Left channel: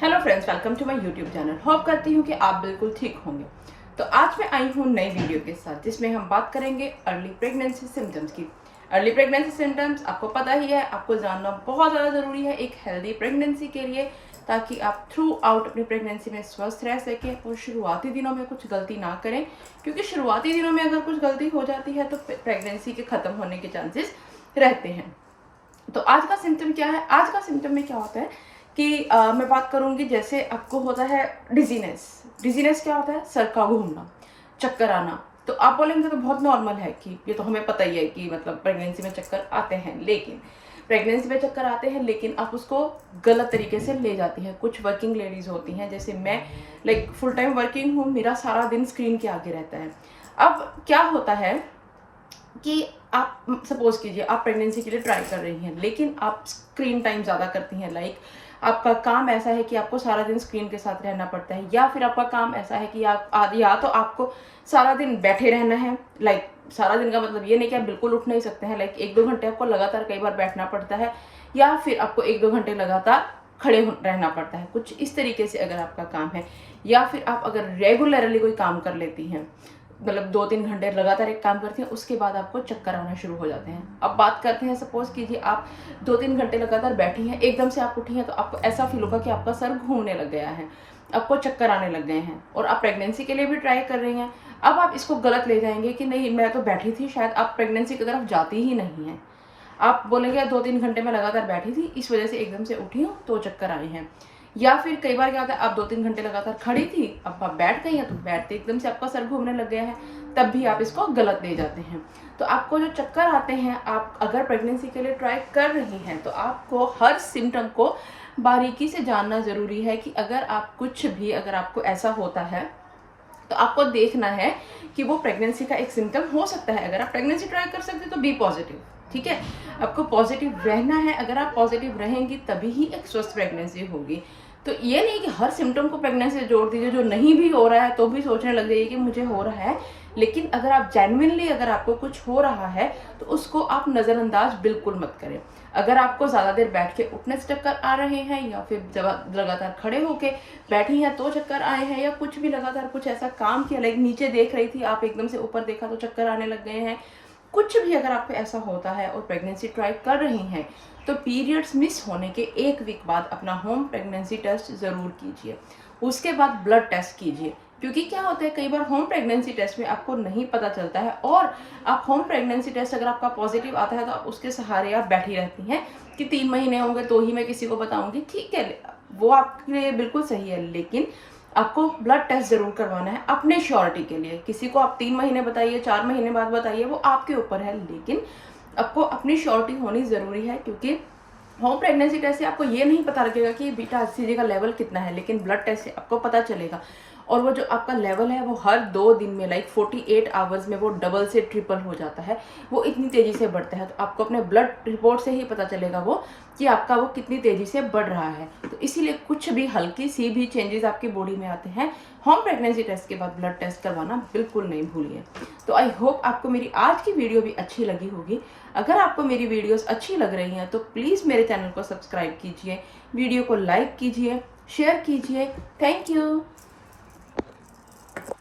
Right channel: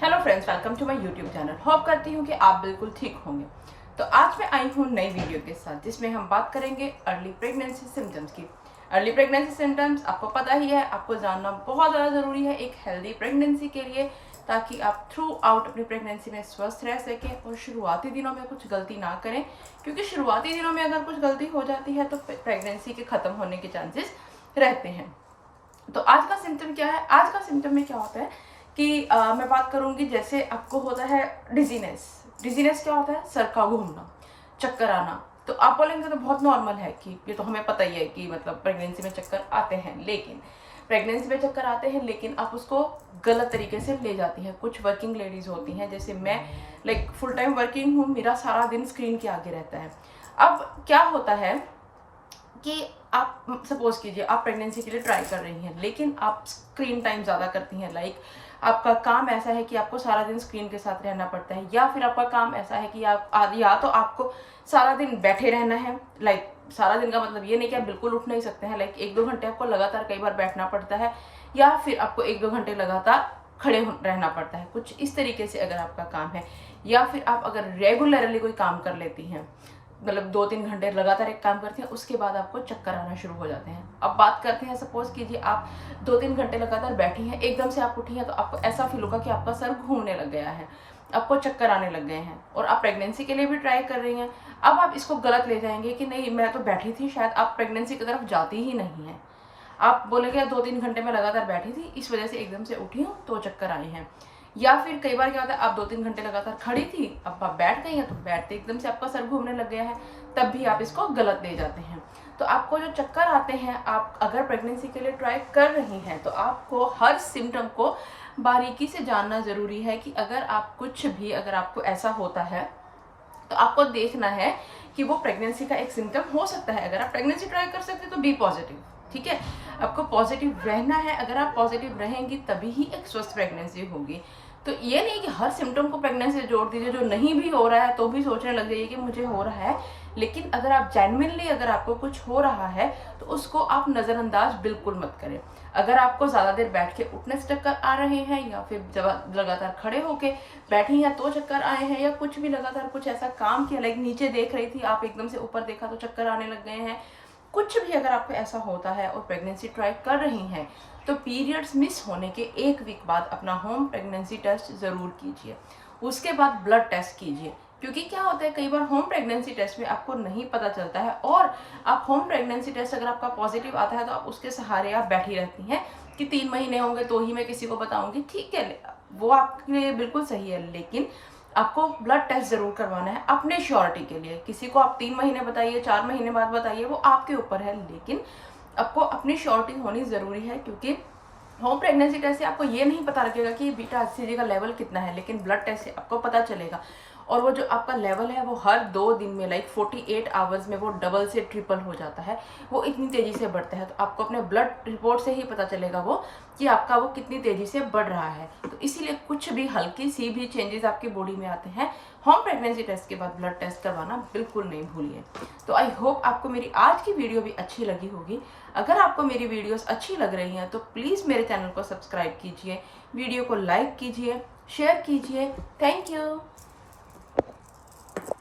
Hello friends, welcome to my YouTube channel. Hope करती हूँ कि आप बिल्कुल ठीक होंगे। तो आज मैं आई हूँ नई वीडियो के साथ जिसमें हम बात करेंगे अर्ली प्रेगनेंसी सिम्टम्स की। अर्ली प्रेगनेंसी सिम्टम्स आपको पता ही है, आपको जानना बहुत ज़्यादा ज़रूरी है एक हेल्दी प्रेगनेंसी के लिए, ताकि आप थ्रू आउट अपनी प्रेगनेंसी में स्वस्थ रह सकें और शुरुआती दिनों में कुछ गलती ना करें, क्योंकि शुरुआती दिनों में अगर कुछ गलती हो जाती है तो प्रेगनेंसी के ख़त्म होने के चांसेस रहते हैं। तो आज का सिम्टम क्या है? आज का सिम्टम में क्या होता है कि मैं बात करूंगी, जैसे आपको होता है डिजीनेस। डिजीनेस क्या होता है? सर का घूमना, चक्कर आना। तो आप बोलेंगे तो बहुत नॉर्मल है कि ये तो हमें पता ही है कि मतलब प्रेगनेंसी में चक्कर आते हैं, लेकिन प्रेगनेंसी में चक्कर आते हैं लेकिन आप उसको गलत तरीके से ले जाती हैं। कुछ वर्किंग लेडीज होती हैं, जैसे मैं फुल टाइम वर्किंग हूँ, मेरा सारा दिन स्क्रीन के आगे रहता है। अब क्या होता है कि आप सपोज कीजिए आप प्रेगनेंसी के लिए ट्राई कर रही हैं, लेकिन आप स्क्रीन टाइम ज़्यादा करती हैं। आपका काम ऐसा है कि आपको सारा दिन स्क्रीन के साथ रहना पड़ता है, या फिर आपका काम ऐसा है कि आप या तो आपको सारा दिन बैठे रहना है। सारा दिन का मतलब ये नहीं कि आप बिल्कुल उठ नहीं सकते हैं, 1-2 घंटे आपको लगातार कई बार बैठना पड़ता है, या फिर आपको 1-2 घंटे लगातार खड़े रहना पड़ता है। कुछ इस तरीके से अगर आपका काम है, या फिर आप अगर रेगुलरली कोई काम कर लेती हैं, मतलब 2-3 घंटे लगातार एक काम करती हैं, उसके बाद आपको चक्कर आना शुरू हो जाते हैं। अब बात करते हैं, सपोज कीजिए आप 2-3 घंटे लगातार बैठी हैं, एकदम से आप उठी हैं, तो आपको ऐसा फील होगा कि आपका सर घूमने लग गया है, आपको चक्कर आने लग गए हैं, और आप प्रेगनेंसी के लिए भी ट्राई कर रही हैं। अब आप इसको गलत ले जाएंगे कि नहीं, मैं तो बैठी थी, शायद आप प्रेगनेंसी की तरफ जाती ही नहीं हैं। आप बोलेंगे 2-3 घंटे में लगातार बैठी थी, इस वजह से एकदम से उठी हूँ तो चक्कर आए हैं। या फिर कई बार क्या होता है, आप 2-3 घंटे लगातार खड़ी थी, अब आप बैठ गई हैं, तो बैठते एकदम से आपका सर घूमने लग गया है, तब भी आप इसको गलत ले जाते हैं। तो आपको जो चक्कर आते हैं, आप अगर प्रेगनेंसी के लिए ट्राई कर रही हैं, तो आपको हर सिम्टम को बारीकी से जानना जरूरी है कि अगर आपको ऐसा होता है तो आपको देखना है कि वो प्रेगनेंसी का एक सिम्टम हो सकता है। अगर आप प्रेगनेंसी ट्राई कर सकते तो बी पॉजिटिव, ठीक है। आपको पॉजिटिव रहना है, अगर आप पॉजिटिव रहेंगी तभी ही एक स्वस्थ प्रेगनेंसी होगी। तो ये नहीं कि हर सिम्टम को प्रेगनेंसी से जोड़ दीजिए, जो नहीं भी हो रहा है तो भी सोचने लग जाइए कि मुझे हो रहा है। लेकिन अगर आप जेन्युइनली अगर आपको कुछ हो रहा है तो उसको आप नज़रअंदाज बिल्कुल मत करें। अगर आपको ज़्यादा देर बैठ के उठने से चक्कर आ रहे हैं, या फिर जब लगातार खड़े होके बैठी हैं तो चक्कर आए हैं, या कुछ भी लगातार कुछ ऐसा काम किया, नीचे देख रही थी आप एकदम से ऊपर देखा तो चक्कर आने लग गए हैं, कुछ भी अगर आपको ऐसा होता है और प्रेगनेंसी ट्राई कर रही हैं, तो पीरियड्स मिस होने के 1 वीक बाद अपना होम प्रेगनेंसी टेस्ट ज़रूर कीजिए। उसके बाद ब्लड टेस्ट कीजिए, क्योंकि क्या होता है, कई बार होम प्रेगनेंसी टेस्ट में आपको नहीं पता चलता है, और आप होम प्रेगनेंसी टेस्ट अगर आपका पॉजिटिव आता है तो आप उसके सहारे आप बैठी रहती हैं कि 3 महीने होंगे तो ही मैं किसी को बताऊंगी। ठीक है, वो आपके लिए बिल्कुल सही है, लेकिन आपको ब्लड टेस्ट जरूर करवाना है अपने श्योरिटी के लिए। किसी को आप 3 महीने बताइए, 4 महीने बाद बताइए, वो आपके ऊपर है, लेकिन आपको अपनी श्योरिटी होनी जरूरी है। क्योंकि होम प्रेगनेंसी टेस्ट से आपको ये नहीं पता लगेगा कि बीटा HCG का लेवल कितना है, लेकिन ब्लड टेस्ट से आपको पता चलेगा। और वो जो आपका लेवल है वो हर 2 दिन में 48 आवर्स में वो डबल से ट्रिपल हो जाता है, वो इतनी तेजी से बढ़ता है। तो आपको अपने ब्लड रिपोर्ट से ही पता चलेगा वो कि आपका वो कितनी तेजी से बढ़ रहा है। तो इसीलिए कुछ भी हल्की सी भी चेंजेस आपकी बॉडी में आते हैं, होम प्रेगनेंसी टेस्ट के बाद ब्लड टेस्ट करवाना बिल्कुल नहीं भूलिए। तो आई होप आपको मेरी आज की वीडियो भी अच्छी लगी होगी। अगर आपको मेरी वीडियोस अच्छी लग रही हैं तो प्लीज़ मेरे चैनल को सब्सक्राइब कीजिए, वीडियो को लाइक कीजिए, शेयर कीजिए। Thank you.